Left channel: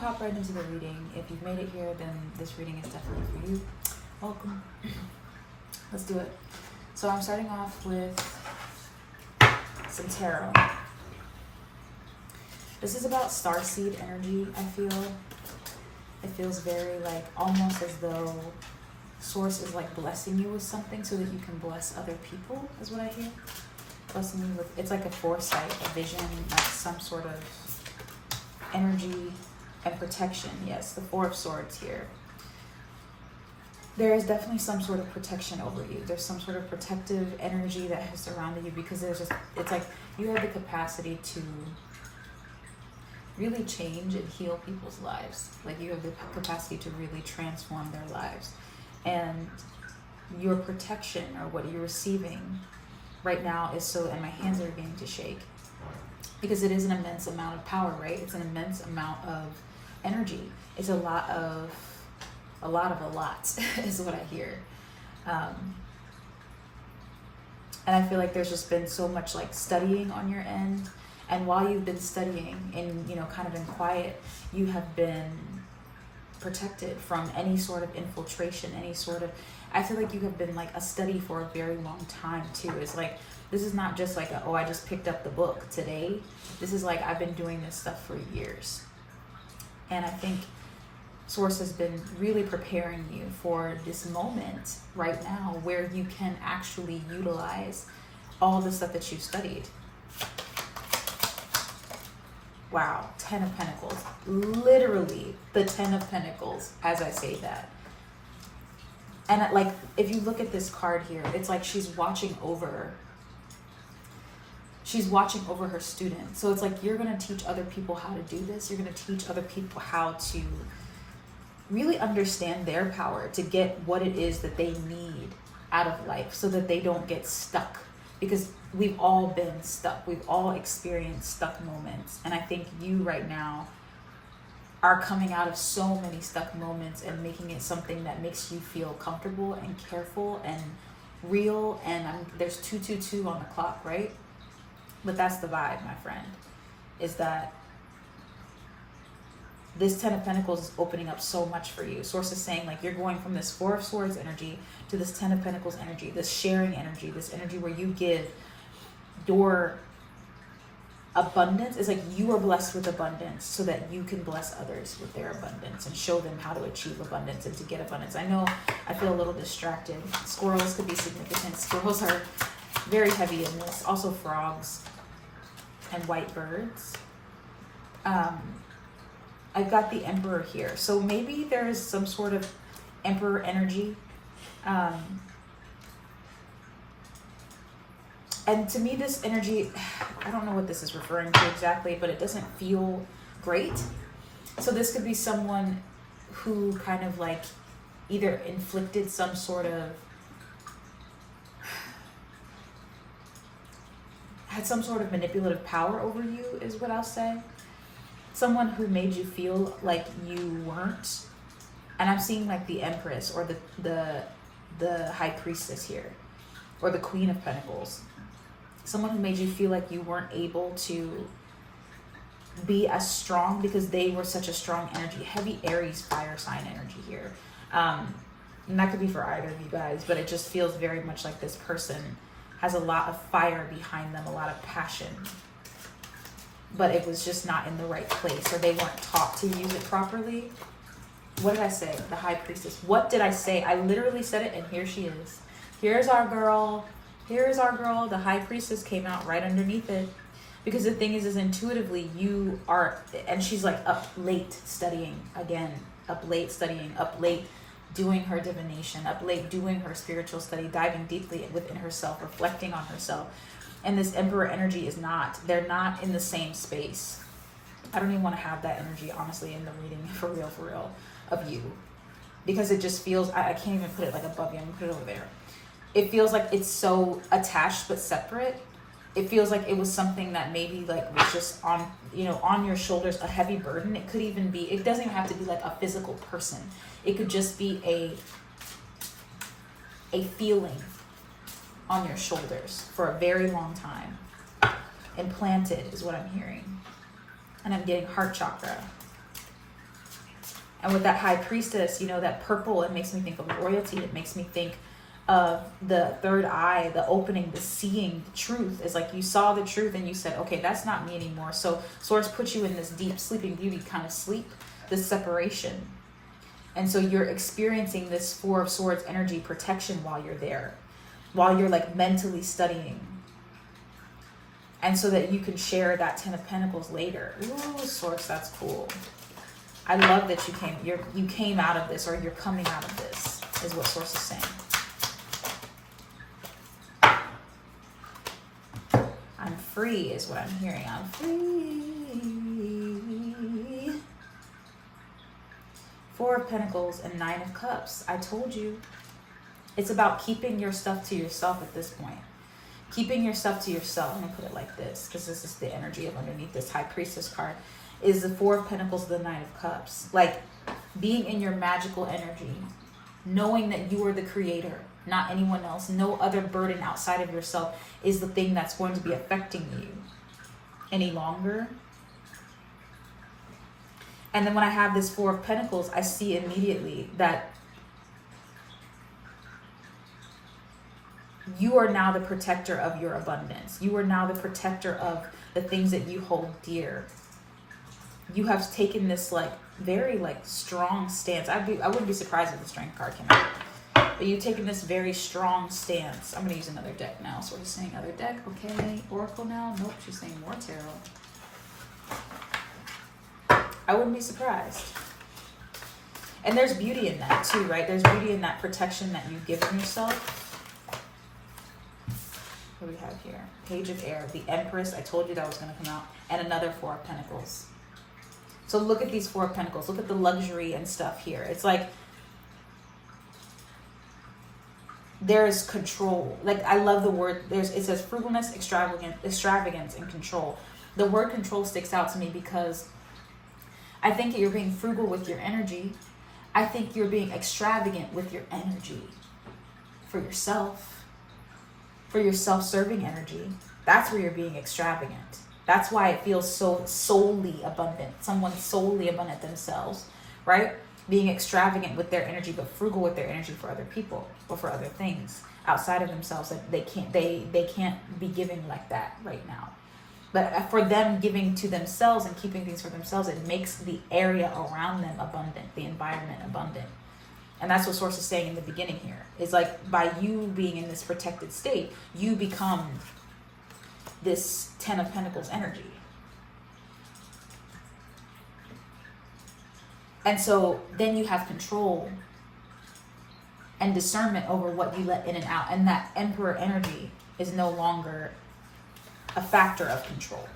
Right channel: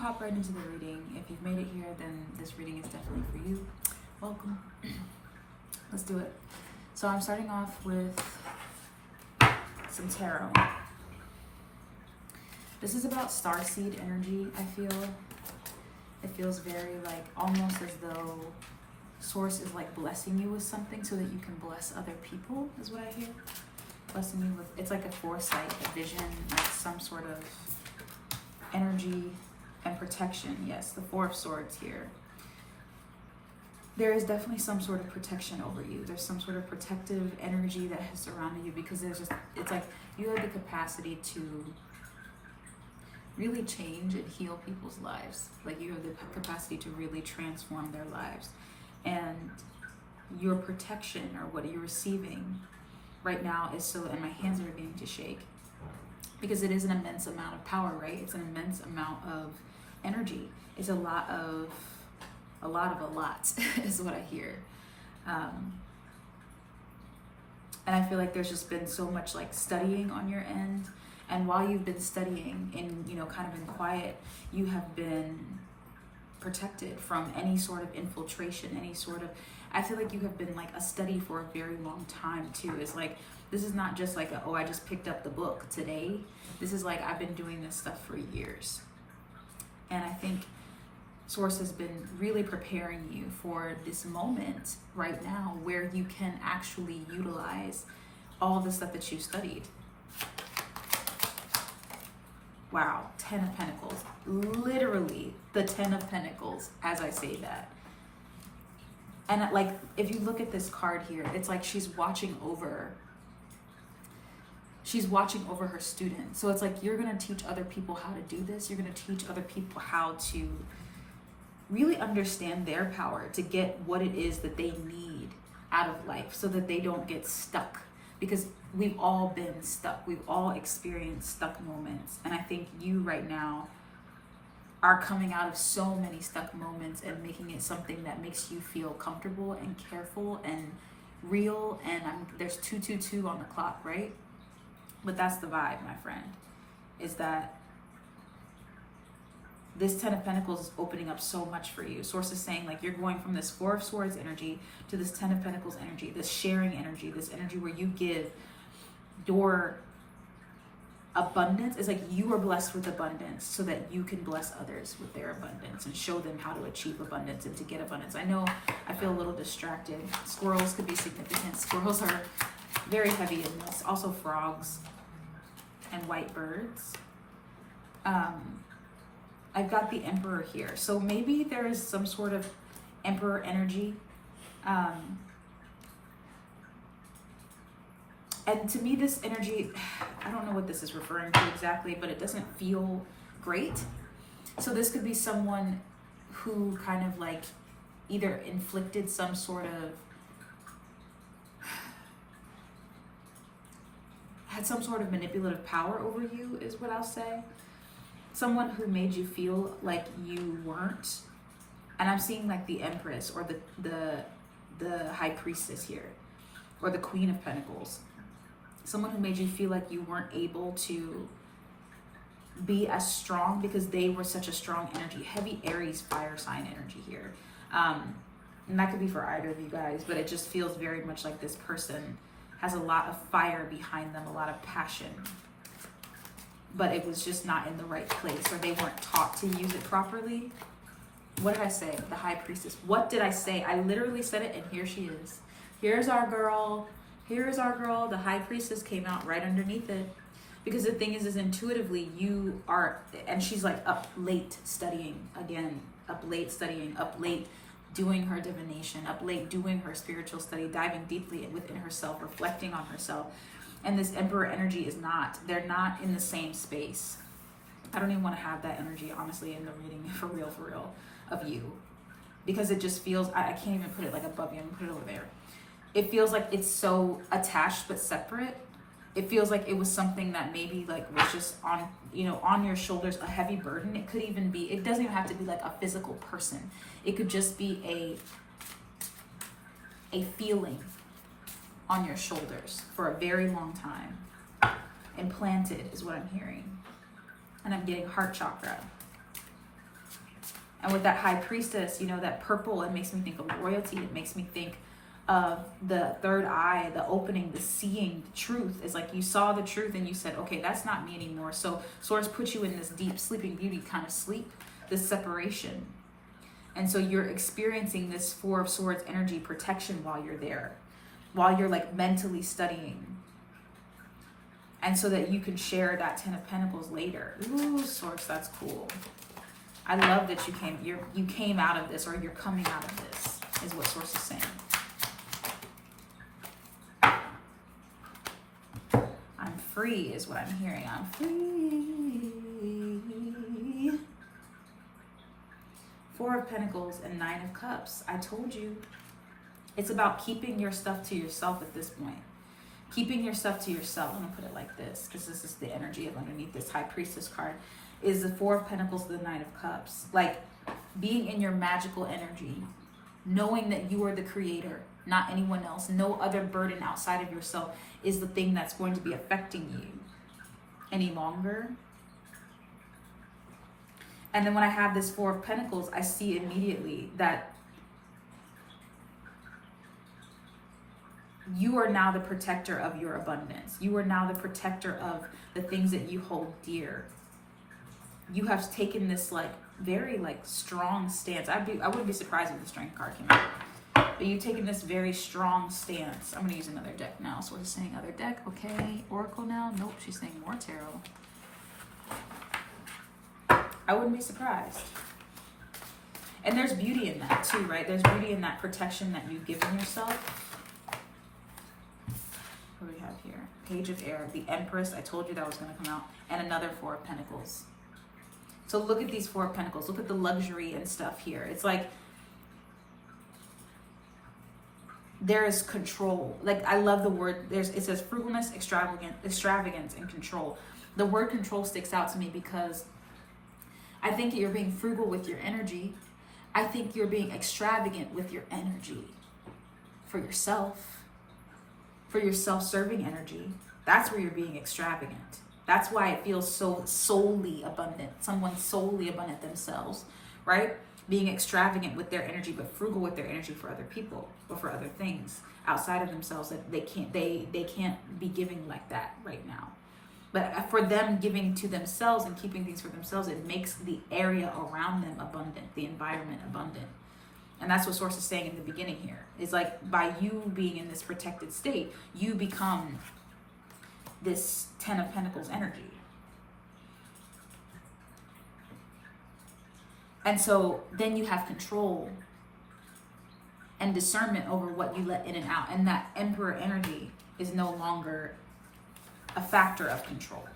hop right into the reading. If you've made it here, then this reading is definitely for you. Welcome. Let's do it. So I'm starting off with some tarot. This is about starseed energy, I feel. It feels very like almost as though Source is like blessing you with something so that you can bless other people, is what I hear. Blessing you with, it's like a foresight, a vision, like some sort of energy and protection. Yes, the Four of Swords here. There is definitely some sort of protection over you. There's some sort of protective energy that has surrounded you because there's just, it's like you have the capacity to really change and heal people's lives. Like you have the capacity to really transform their lives. And your protection, or what you're receiving right now, is so, and my hands are beginning to shake because it is an immense amount of power, right? It's an immense amount of energy. It's a lot is what I hear. And I feel like there's just been so much like studying on your end. And while you've been studying and, you know, kind of in quiet, you have been protected from any sort of infiltration, any sort of, I feel like you have been like a study for a very long time too. It's like, this is not just like, I just picked up the book today. This is like, I've been doing this stuff for years. And I think Source has been really preparing you for this moment right now where you can actually utilize all the stuff that you've studied. Wow, 10 of Pentacles. Literally the 10 of Pentacles as I say that. And like, if you look at this card here, it's like she's watching over her student. So it's like, you're going to teach other people how to do this. You're going to teach other people how to really understand their power to get what it is that they need out of life so that they don't get stuck. Because we've all been stuck. We've all experienced stuck moments. And I think you right now are coming out of so many stuck moments and making it something that makes you feel comfortable and careful and real. And there's 222 on the clock, right? But that's the vibe, my friend, is that this 10 of Pentacles is opening up so much for you. Source is saying like you're going from this Four of Swords energy to this 10 of Pentacles energy, this sharing energy, this energy where you give your abundance. It's like you are blessed with abundance so that you can bless others with their abundance and show them how to achieve abundance and to get abundance. I know I feel a little distracted. Squirrels could be significant. Squirrels are very heavy in this. Also frogs and white birds. I've got the Emperor here. So maybe there is some sort of Emperor energy. And to me, this energy, I don't know what this is referring to exactly, but it doesn't feel great. So this could be someone who kind of like either inflicted some sort of, had some sort of manipulative power over you, is what I'll say. Someone who made you feel like you weren't, and I'm seeing like the Empress or the High Priestess here, or the Queen of Pentacles. Someone who made you feel like you weren't able to be as strong because they were such a strong energy. Heavy Aries fire sign energy here. And that could be for either of you guys, but it just feels very much like this person has a lot of fire behind them, a lot of passion. But it was just not in the right place, or they weren't taught to use it properly. What did I say? The High Priestess. What did I say? I literally said it, and here she is. Here's our girl. Here's our girl. The High Priestess came out right underneath it. Because the thing is intuitively you are, and she's like up late studying again, up late studying, up late doing her divination, up late doing her spiritual study, diving deeply within herself, reflecting on herself. And this Emperor energy is not, they're not in the same space. I don't even want to have that energy, honestly, in the reading, for real, of you. Because it just feels, I can't even put it like above you, I'm going to put it over there. It feels like it's so attached but separate. It feels like it was something that maybe like was just on, you know, on your shoulders, a heavy burden. It could even be, it doesn't even have to be like a physical person. It could just be a feeling on your shoulders for a very long time. Implanted is what I'm hearing. And I'm getting heart chakra. And with that high priestess, you know, that purple, it makes me think of royalty. It makes me think of the third eye, the opening, the seeing, the truth. Is like you saw the truth and you said, okay, that's not me anymore. So Source puts you in this deep sleeping beauty kind of sleep, this separation. And so you're experiencing this Four of Swords energy protection while you're there, while you're like mentally studying. And so that you can share that Ten of Pentacles later. Ooh, Source, that's cool. I love that you came out of this, or you're coming out of this, is what Source is saying. I'm free is what I'm hearing. I'm free. Four of Pentacles and Nine of Cups. I told you. It's about keeping your stuff to yourself at this point. Keeping your stuff to yourself. I'm going to put it like this, because this is the energy of underneath this High Priestess card. Is the Four of Pentacles, the Nine of Cups. Like being in your magical energy. Knowing that you are the creator, not anyone else. No other burden outside of yourself is the thing that's going to be affecting you any longer. And then when I have this Four of Pentacles, I see immediately that you are now the protector of your abundance. You are now the protector of the things that you hold dear. You have taken this like very like strong stance. I wouldn't be surprised if the Strength card came out. But you've taken this very strong stance. I'm going to use another deck now. So we're just saying other deck. Okay. Oracle now. Nope. She's saying more tarot. I wouldn't be surprised. And there's beauty in that too, right? There's beauty in that protection that you've given yourself. What do we have here? Page of Air. The Empress. I told you that was going to come out. And another Four of Pentacles. So look at these Four of Pentacles. Look at the luxury and stuff here. It's like there is control. Like I love the word. It says frugalness, extravagance, and control. The word control sticks out to me because I think you're being frugal with your energy. I think you're being extravagant with your energy for yourself, for your self-serving energy. That's where you're being extravagant. That's why it feels so solely abundant. Someone's solely abundant themselves, right? Being extravagant with their energy, but frugal with their energy for other people or for other things outside of themselves that they can't be giving like that right now. But for them giving to themselves and keeping things for themselves, it makes the area around them abundant, the environment abundant. And that's what Source is saying in the beginning here. Is like by you being in this protected state, you become this Ten of Pentacles energy. And so then you have control and discernment over what you let in and out. And that Emperor energy is no longer a factor of control.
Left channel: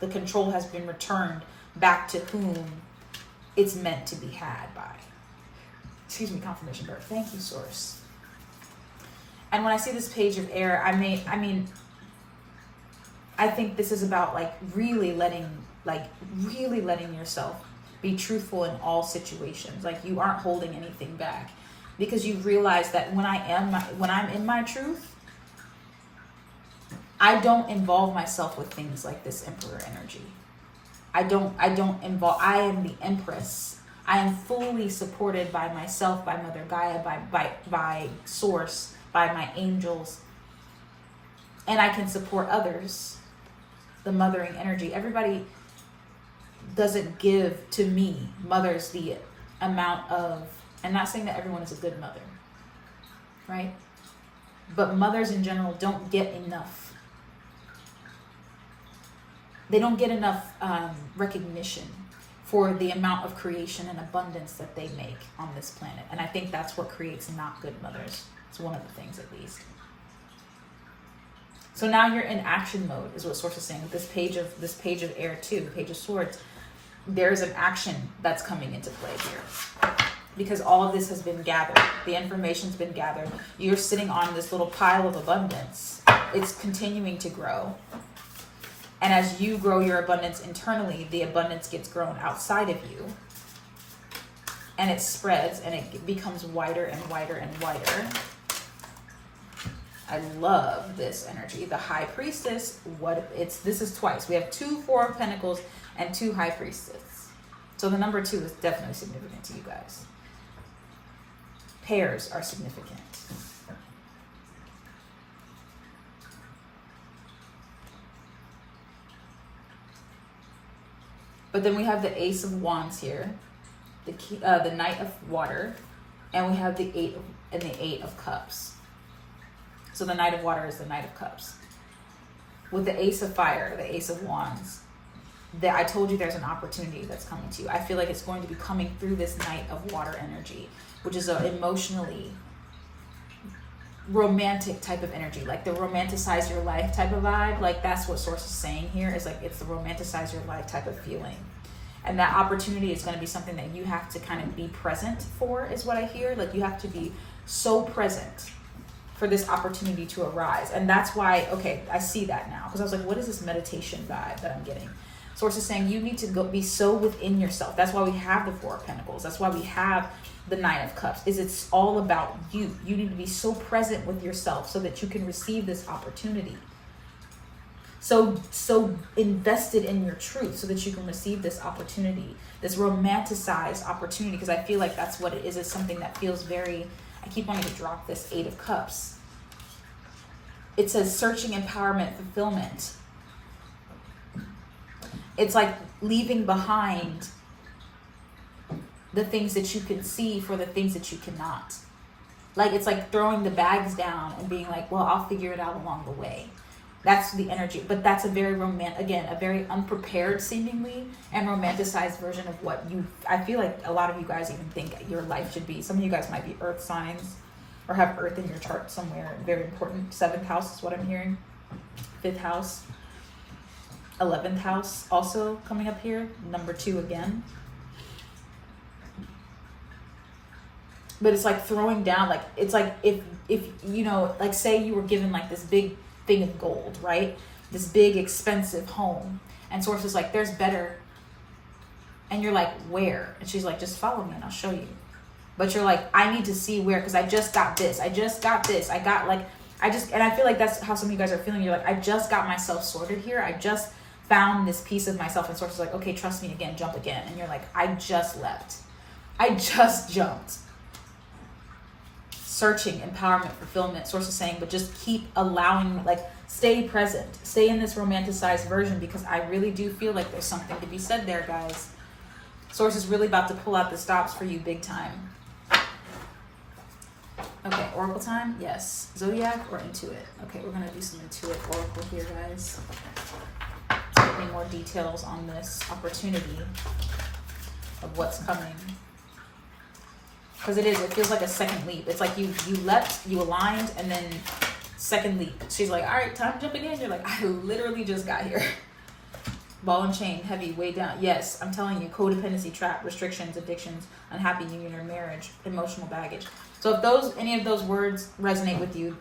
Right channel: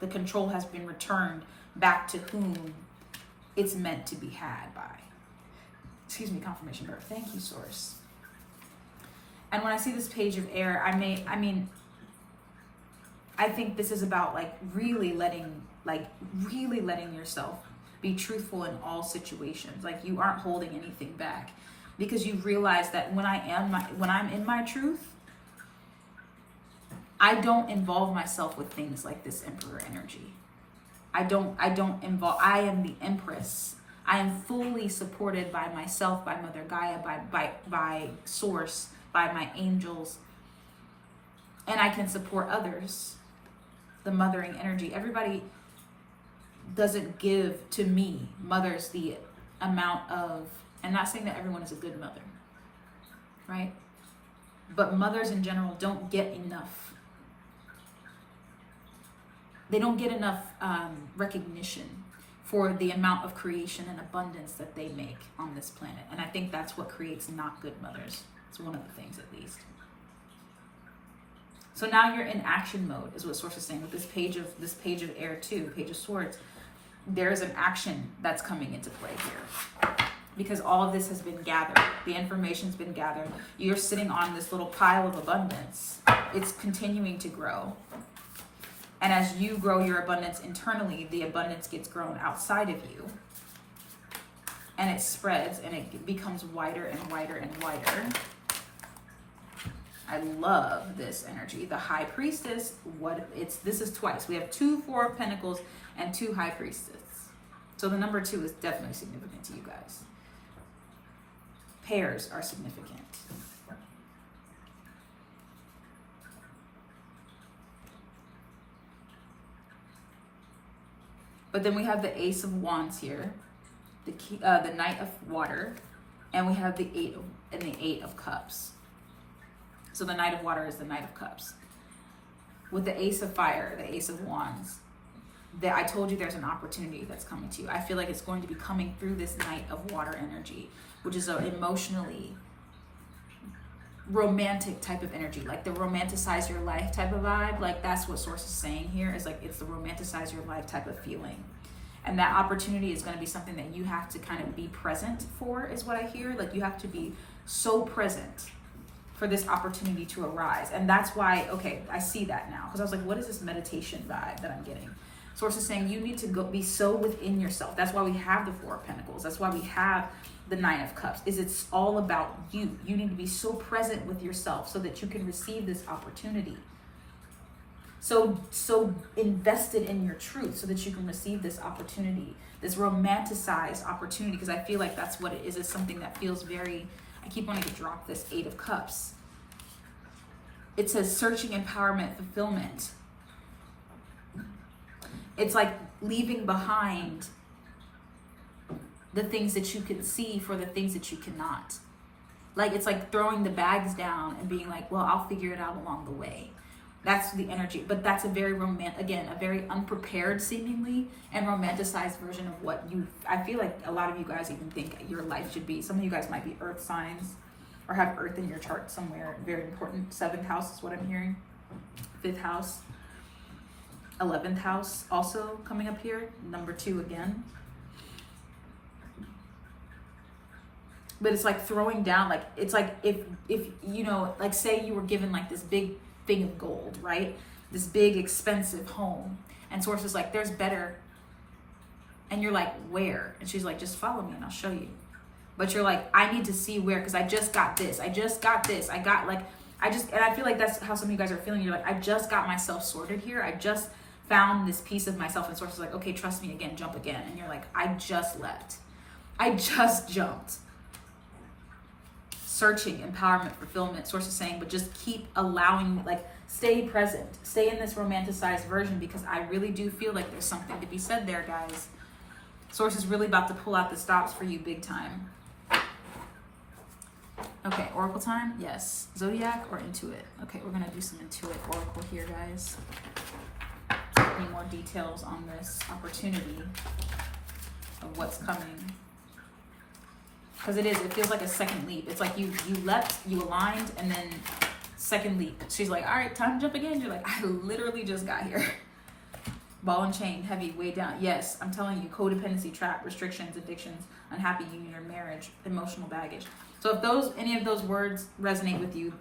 The control has been returned back to whom it's meant to be had by. Excuse me, confirmation birth. Thank you, Source. And when I see this Page of Air, I think this is about like really letting yourself be truthful in all situations. Like you aren't holding anything back because you realize that when I'm in my truth, I don't involve myself with things like this Emperor energy. I am the Empress. I am fully supported by myself, by Mother Gaia, by Source, by my angels. And I can support others. The mothering energy. Everybody doesn't give to me, mothers, the amount of, I'm not saying that everyone is a good mother, right? But mothers in general don't get enough. They don't get enough recognition for the amount of creation and abundance that they make on this planet. And I think that's what creates not good mothers. It's one of the things, at least. So now you're in action mode, is what Source is saying with this Page of Air too, Page of Swords. There's an action that's coming into play here because all of this has been gathered. The information's been gathered. You're sitting on this little pile of abundance. It's continuing to grow. And as you grow your abundance internally, the abundance gets grown outside of you. And it spreads and it becomes wider and wider and wider. I love this energy. The High Priestess, this is twice. We have 2 Four of Pentacles and 2 High Priestess. So the number 2 is definitely significant to you guys. Pairs are significant. But then we have the Ace of Wands here, the Knight of Water, and we have the Eight of Cups. So the Knight of Water is the Knight of Cups. With the Ace of Fire, the Ace of Wands, I told you there's an opportunity that's coming to you. I feel like it's going to be coming through this Knight of Water energy, which is an emotionally romantic type of energy, like the romanticize your life type of vibe. Like that's what Source is saying here, is like it's the romanticize your life type of feeling. And that opportunity is going to be something that you have to kind of be present for, is what I hear. Like you have to be so present for this opportunity to arise. And that's why, okay, I see that now. Because I was like, what is this meditation vibe that I'm getting? Source is saying you need to go be so within yourself. That's why we have the Four of Pentacles. That's why we have the Nine of Cups. It's all about you. You need to be so present with yourself so that you can receive this opportunity. So invested in your truth so that you can receive this opportunity, this romanticized opportunity. Because I feel like that's what it is. It's something that feels very, I keep wanting to drop this Eight of Cups. It says searching, empowerment, fulfillment. It's like leaving behind the things that you can see for the things that you cannot. Like it's like throwing the bags down and being like, well, I'll figure it out along the way. That's the energy. But that's a very a very unprepared seemingly and romanticized version of what I feel like a lot of you guys even think your life should be. Some of you guys might be earth signs or have earth in your chart somewhere. Very important. 7th house is what I'm hearing. 5th house. 11th house also coming up here. Number 2 again. But it's like throwing down, like it's like if you know, like say you were given like this big thing of gold, right? This big expensive home, and Source is like, there's better. And you're like, where? And she's like, just follow me and I'll show you. But you're like, I need to see where, because I just got this. I feel like that's how some of you guys are feeling. You're like, I just got myself sorted here. I just found this piece of myself. And Source is like, okay, trust me again, jump again. And you're like, I just leapt. I just jumped. Searching, empowerment, fulfillment. Source is saying, but just keep allowing, like, stay present. Stay in this romanticized version, because I really do feel like there's something to be said there, guys. Source is really about to pull out the stops for you big time. Okay, Oracle time? Yes. Zodiac or Intuit? Okay, we're going to do some Intuit Oracle here, guys. Any more details on this opportunity of what's coming. Because it feels like a second leap. It's like you leapt, you aligned, and then second leap. She's like, all right, time to jump again. You're like, I literally just got here. Ball and chain, heavy, way down. Yes, I'm telling you, codependency, trap, restrictions, addictions, unhappy union or marriage, emotional baggage. So if any of those words resonate with you,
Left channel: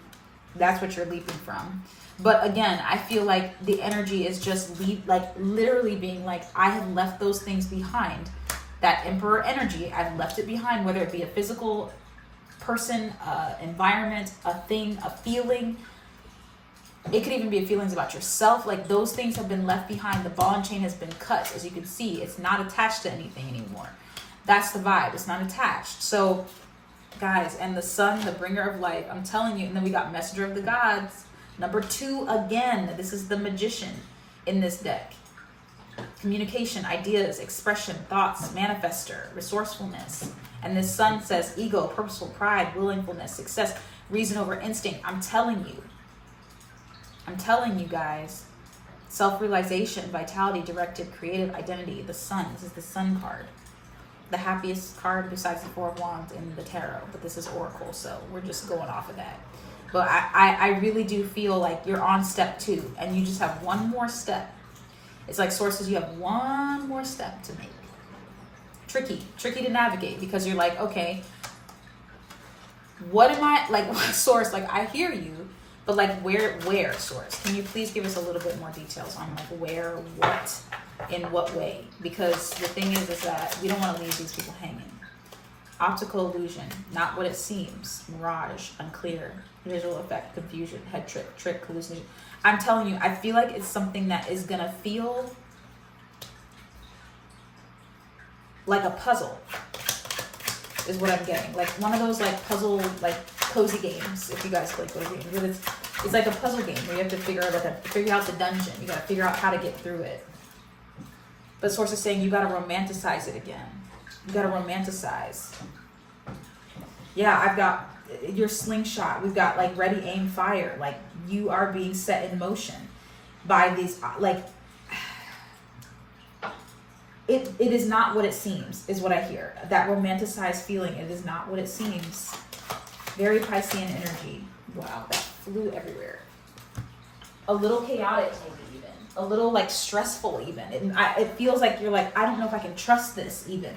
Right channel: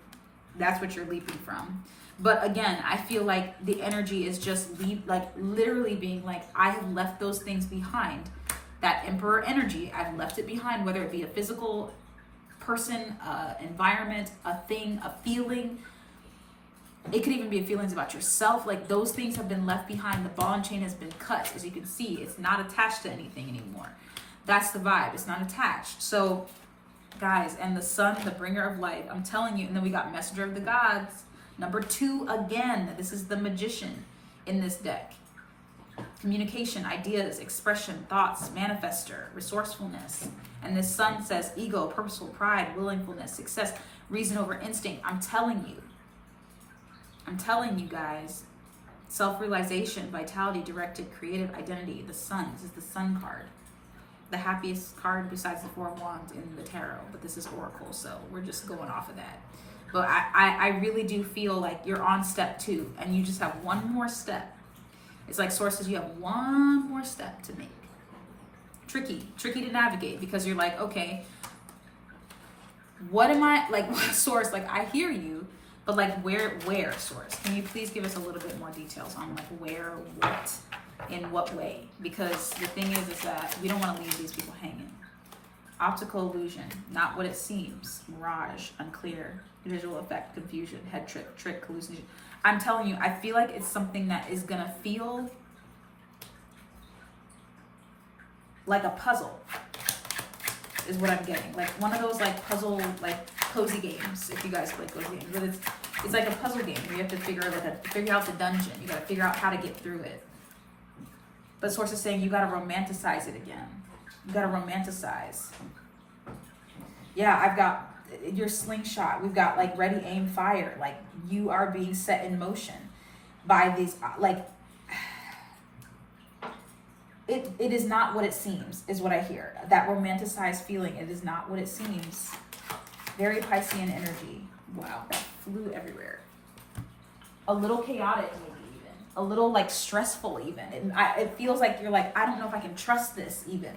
that's what you're leaping from. But again, I feel like the energy is just literally being like, I have left those things behind. That Emperor energy, I've left it behind, whether it be a physical person, environment, a thing, a feeling. It could even be feelings about yourself. Like those things have been left behind. The ball and chain has been cut. As you can see, it's not attached to anything anymore. That's the vibe. It's not attached. So guys, and the sun, the bringer of life, I'm telling you. And then we got messenger of the gods. Number 2 again. This is the magician in this deck. Communication, ideas, expression, thoughts, manifester, resourcefulness. And this sun says ego, purposeful, pride, willingness, success, reason over instinct. I'm telling you guys, self-realization, vitality, directed, creative identity. The sun, this is the sun card. The happiest card besides the Four of Wands in the tarot, but this is Oracle, so we're just going off of that. But I really do feel like you're on step 2 and you just have one more step. It's like Sources, you have one more step to make. Tricky to navigate, because you're like, okay, what am I, like, Source, like, I hear you, but like, where, Source? Can you please give us a little bit more details on like where, what, in what way? Because the thing is that you don't want to leave these people hanging. Optical illusion, not what it seems, mirage, unclear, visual effect, confusion, head trick, hallucination. I'm telling you, I feel like it's something that is gonna feel like a puzzle is what I'm getting. Like one of those like puzzle, like cozy games, if you guys play cozy games. It's like a puzzle game where you have to figure out the dungeon. You gotta figure out how to get through it. But Source is saying you gotta romanticize it again. You gotta romanticize. Yeah, I've got your slingshot. We've got like ready, aim, fire. Like you are being set in motion by these, like, it is not what it seems, is what I hear. That romanticized feeling, it is not what it seems. Very Piscean energy. Wow, that flew everywhere. A little chaotic, maybe even. A little like stressful even. It feels like you're like, I don't know if I can trust this even.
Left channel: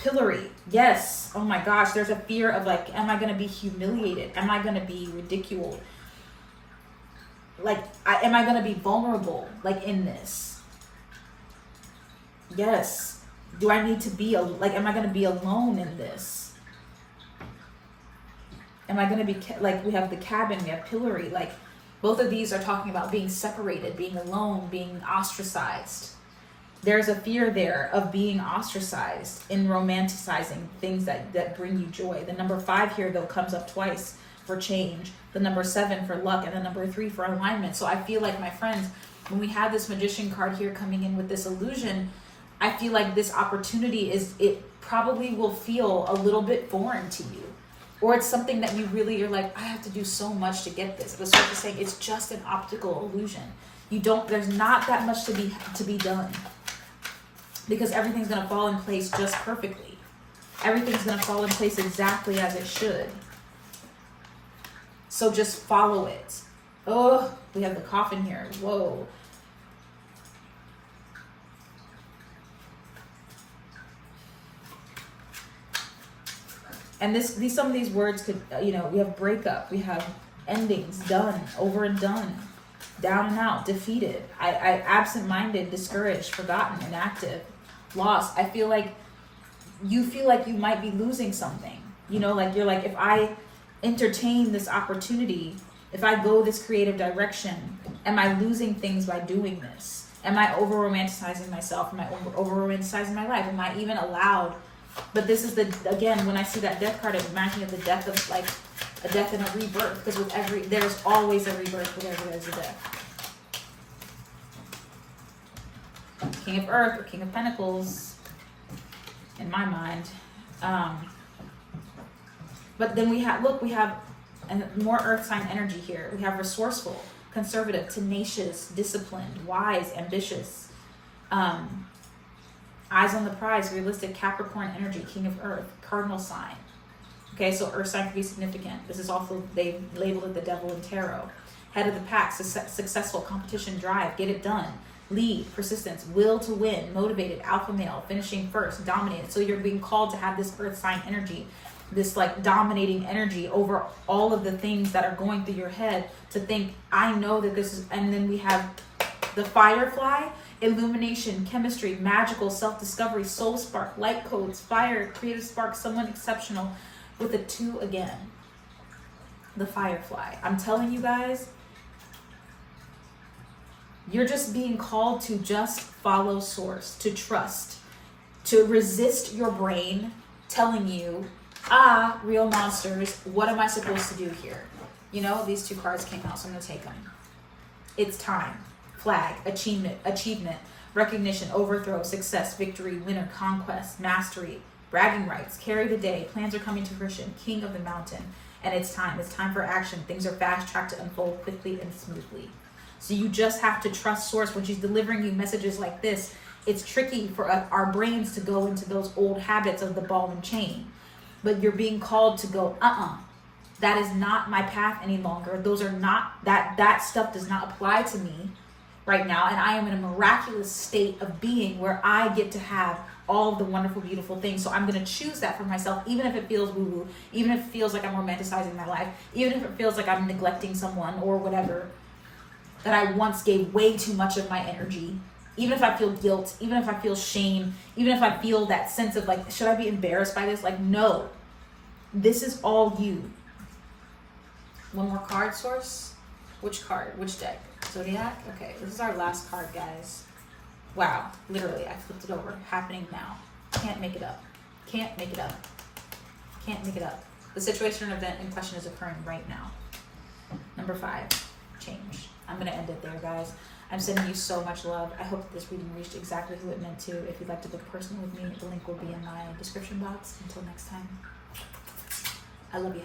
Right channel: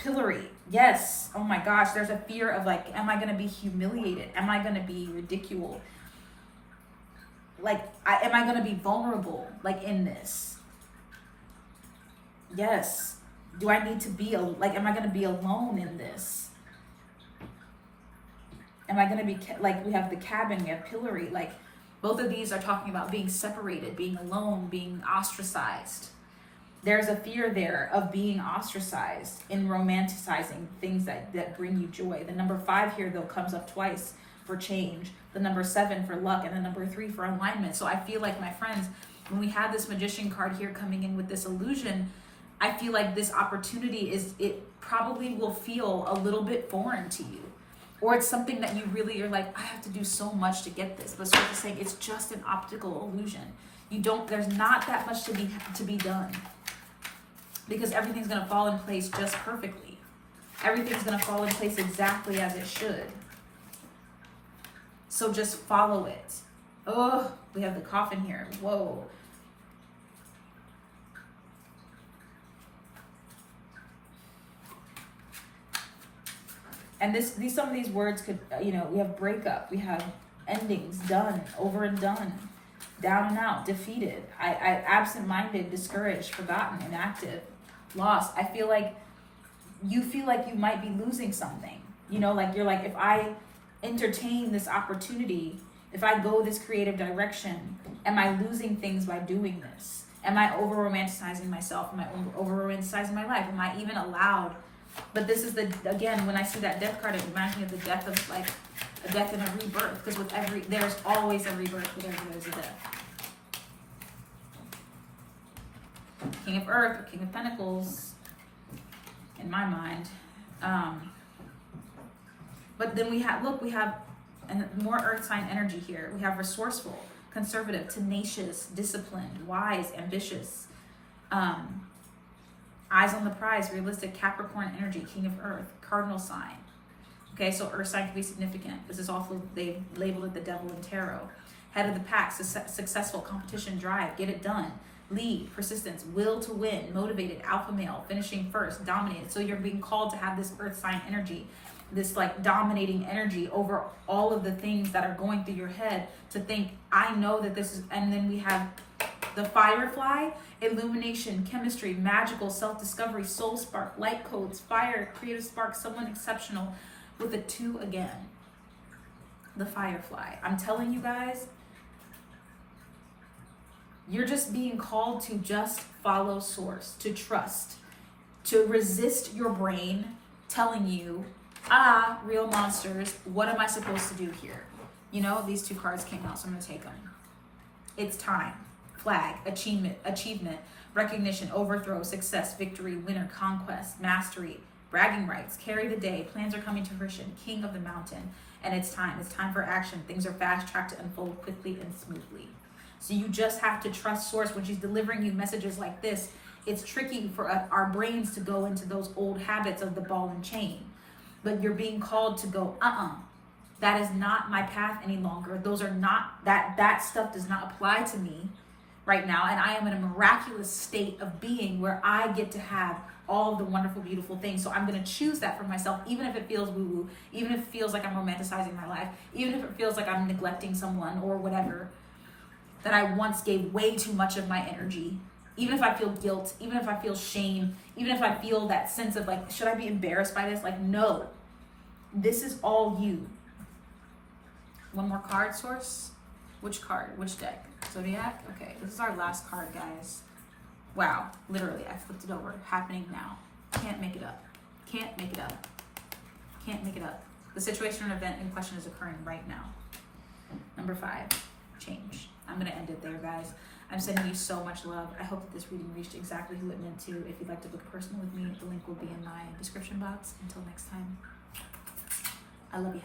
Pillory, yes. Oh my gosh, there's a fear of like, am I going to be humiliated? Am I going to be ridiculed? Like, am I going to be vulnerable like in this? Yes. Do I need to be, like, am I going to be alone in this? Am I going to be, like, we have the cabin, we have pillory. Like, both of these are talking about being separated, being alone, being ostracized. There's a fear there of being ostracized in romanticizing things that bring you joy. The number 5 here, though, comes up twice for change. The number 7 for luck, and the number 3 for alignment. So I feel like, my friends, when we have this Magician card here coming in with this illusion, I feel like this opportunity it probably will feel a little bit foreign to you. Or it's something that you really are like, I have to do so much to get this. But sort of saying it's just an optical illusion. There's not that much to be done. Because everything's gonna fall in place just perfectly. Everything's gonna fall in place exactly as it should. So just follow it. Oh, we have the coffin here. Whoa. And some of these words could, we have breakup, we have endings, done, over and done, down and out, defeated, I absent-minded, discouraged, forgotten, inactive, lost. I feel like you might be losing something. Like you're like, if I entertain this opportunity, if I go this creative direction, am I losing things by doing this? Am I over-romanticizing myself? Am I over-romanticizing my life? Am I even allowed? But this is again, when I see that death card, it reminds me of the death of like a death and a rebirth. Because there's always a rebirth whenever there's a death. King of Earth or King of Pentacles, in my mind. But then we have more Earth sign energy here. We have resourceful, conservative, tenacious, disciplined, wise, ambitious. Eyes on the prize, realistic, Capricorn energy, King of Earth, cardinal sign. Okay, so Earth sign can be significant. This is also, they've labeled it the devil in tarot. Head of the pack, successful, competition, drive, get it done. Lead, persistence, will to win, motivated, alpha male, finishing first, dominated. So you're being called to have this Earth sign energy, this like dominating energy over all of the things that are going through your head, to think, I know that this is, and then we have the Firefly, illumination, chemistry, magical, self-discovery, soul spark, light codes, fire, creative spark, someone exceptional, with the 2 again. The Firefly. I'm telling you guys, you're just being called to just follow source, to trust, to resist your brain telling you, real monsters, what am I supposed to do here? These 2 cards came out, so I'm going to take them. It's time. Flag, achievement, recognition, overthrow, success, victory, winner, conquest, mastery, bragging rights, carry the day, plans are coming to fruition, king of the mountain, and it's time for action. Things are fast-tracked to unfold quickly and smoothly. So you just have to trust source. When she's delivering you messages like this, it's tricky for our brains to go into those old habits of the ball and chain. But you're being called to go, that is not my path any longer. Those are not, that stuff does not apply to me right now, and I am in a miraculous state of being where I get to have all the wonderful, beautiful things. So I'm going to choose that for myself, even if it feels woo-woo, even if it feels like I'm romanticizing my life, even if it feels like I'm neglecting someone or whatever that I once gave way too much of my energy. Even if I feel guilt, even if I feel shame, even if I feel that sense of like, should I be embarrassed by this? Like, no, this is all you. One more card, source. Which card? Which deck? Zodiac? Okay, this is our last card, guys. Wow, literally, I flipped it over. Happening now. Can't make it up. Can't make it up. Can't make it up. The situation or event in question is occurring right now. Number 5, change. I'm going to end it there, guys. I'm sending you so much love. I hope that this reading reached exactly who it meant to. If you'd like to book personal with me, the link will be in my description box. Until next time, I love you.